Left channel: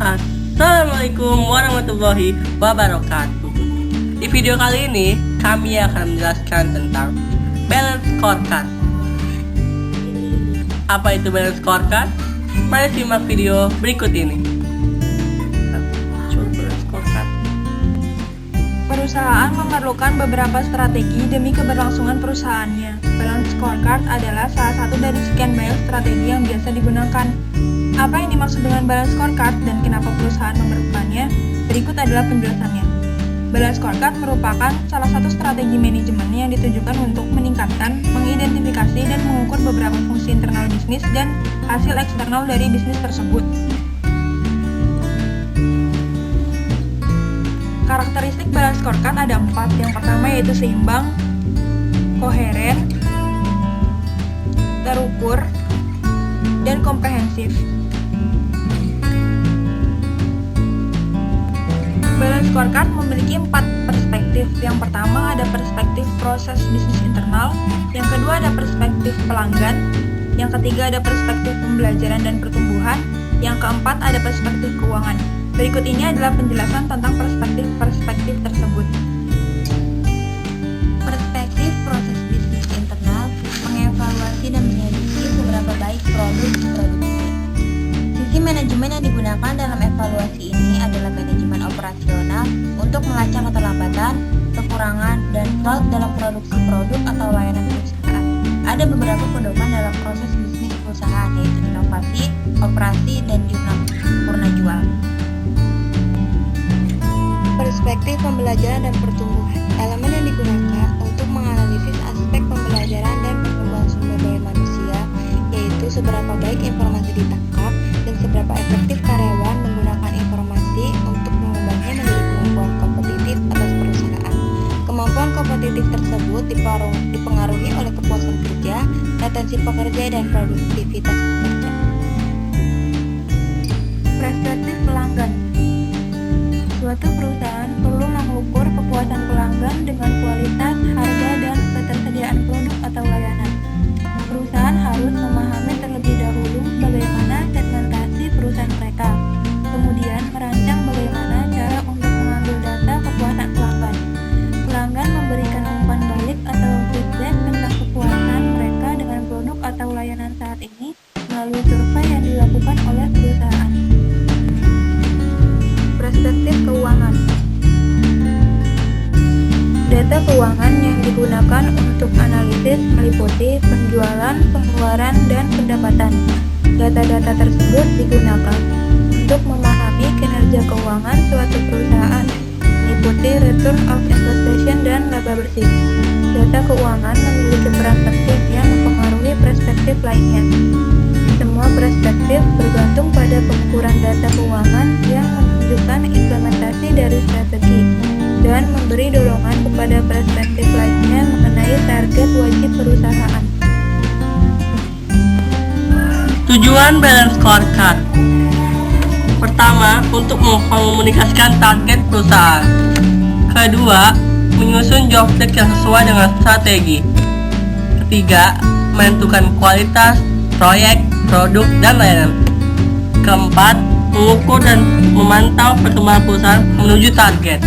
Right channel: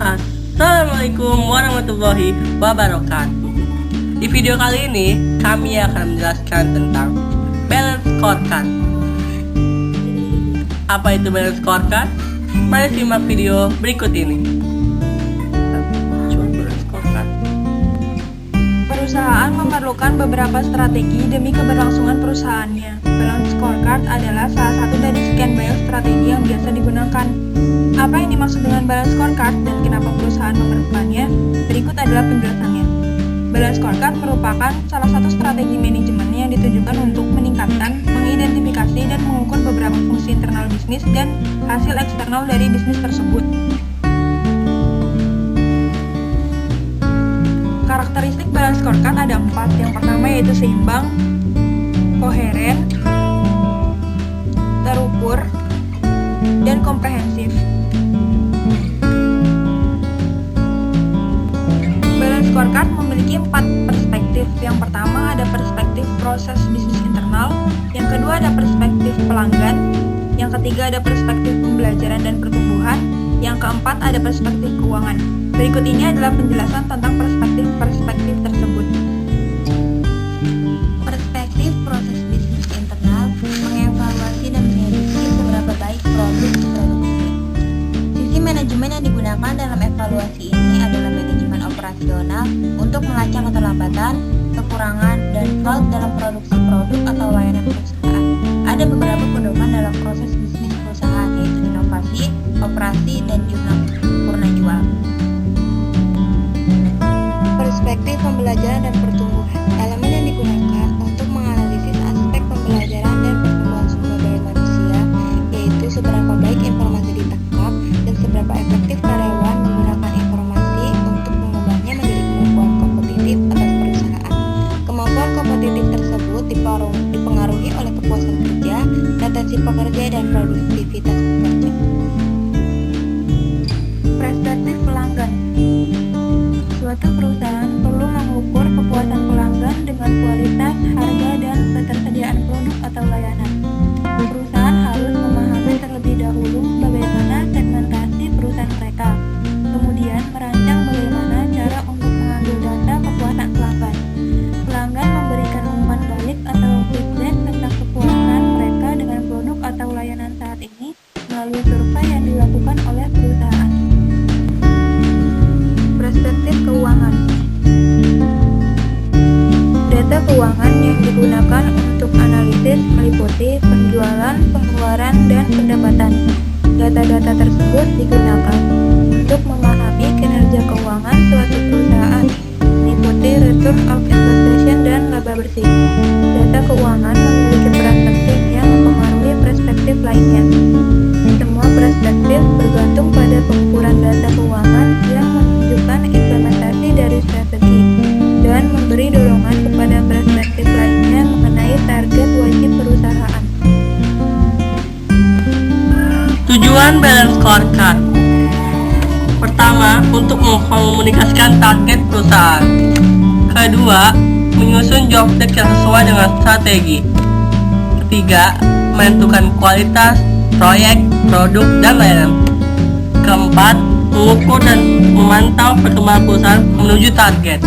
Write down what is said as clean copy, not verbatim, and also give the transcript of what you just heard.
Assalamualaikum warahmatullahi wabarakatuh. Di video kali ini kami akan menjelaskan tentang balance scorecard. Apa itu balance scorecard? Mari simak video berikut ini. Balance scorecard. Perusahaan memerlukan beberapa strategi demi keberlangsungan perusahaannya. Balance scorecard adalah salah satu dari sekian banyak strategi yang biasa digunakan. Apa yang dimaksud dengan balance scorecard dan kenapa perusahaan memerlukannya? Berikut adalah penjelasannya. Balance scorecard merupakan salah satu strategi manajemen yang ditujukan untuk meningkatkan, mengidentifikasi, dan mengukur beberapa fungsi internal bisnis dan hasil eksternal dari bisnis tersebut. Karakteristik balance scorecard ada 4. Yang pertama yaitu seimbang, koheren, terukur, dan komprehensif. Balance scorecard memiliki 4 perspektif. Yang pertama ada perspektif proses bisnis internal, yang kedua ada perspektif pelanggan, yang ketiga ada perspektif pembelajaran dan pertumbuhan, yang keempat ada perspektif keuangan. Berikut ini adalah penjelasan tentang perspektif-perspektif tersebut. Perspektif proses bisnis internal mengevaluasi dan menyelidiki seberapa baik produk diproduksi. Sisi manajemen yang digunakan dalam evaluasi ini adalah manajemen operasional untuk melacak keterlambatan, kekurangan, dan fraud dalam produksi produk atau layanan perusahaan. Ada beberapa pedoman dalam proses bisnis perusahaan, yaitu inovasi, operasi, dan jurnal purna jual. Perspektif pembelajaran dan pertumbuhan. Elemen yang digunakan untuk menganalisis aspek pembelajaran dan pertumbuhan sumber daya manusia, yaitu seberapa baik informasi ditangkap dan seberapa efektif karyawan menggunakan informasi untuk mengubahnya menjadi kemampuan kompetitif atas perusahaan. Kemampuan kompetitif tersebut dipengaruhi oleh kepuasan kerja, retensi pekerja, dan produktivitas pekerja. Perspektif pelanggan. Suatu perusahaan perlu mengukur kepuasan pelanggan dengan kualitas, harga, dan ketersediaan produk atau layanan. Perusahaan harus memahami terlebih dahulu bagaimana segmentasi perusahaan mereka, kemudian merancang bagaimana cara untuk mengambil data kepuasan pelanggan. Pelanggan memberikan umpan balik atau feedback tentang kepuasan mereka dengan produk atau layanan saat ini melalui survei yang dilakukan oleh perusahaan. Perspektif keuangan. Data keuangan yang digunakan untuk analisis meliputi penjualan, pengeluaran, dan pendapatan. Data-data tersebut digunakan untuk memahami kinerja keuangan suatu perusahaan, meliputi return of investment dan laba bersih. Data keuangan memiliki peran penting yang mempengaruhi perspektif lainnya. Semua perspektif bergantung pada pengukuran data keuangan yang menunjukkan implementasi dari strategi dan memberi dorongan kepada perspektif lainnya mengenai target wajib perusahaan. Tujuan balance scorecard. Pertama, untuk mengkomunikasikan target perusahaan. Kedua, menyusun job desk yang sesuai dengan strategi. Ketiga, menentukan kualitas proyek, produk, dan layanan. Keempat, mengukur dan memantau perkembangan perusahaan menuju target.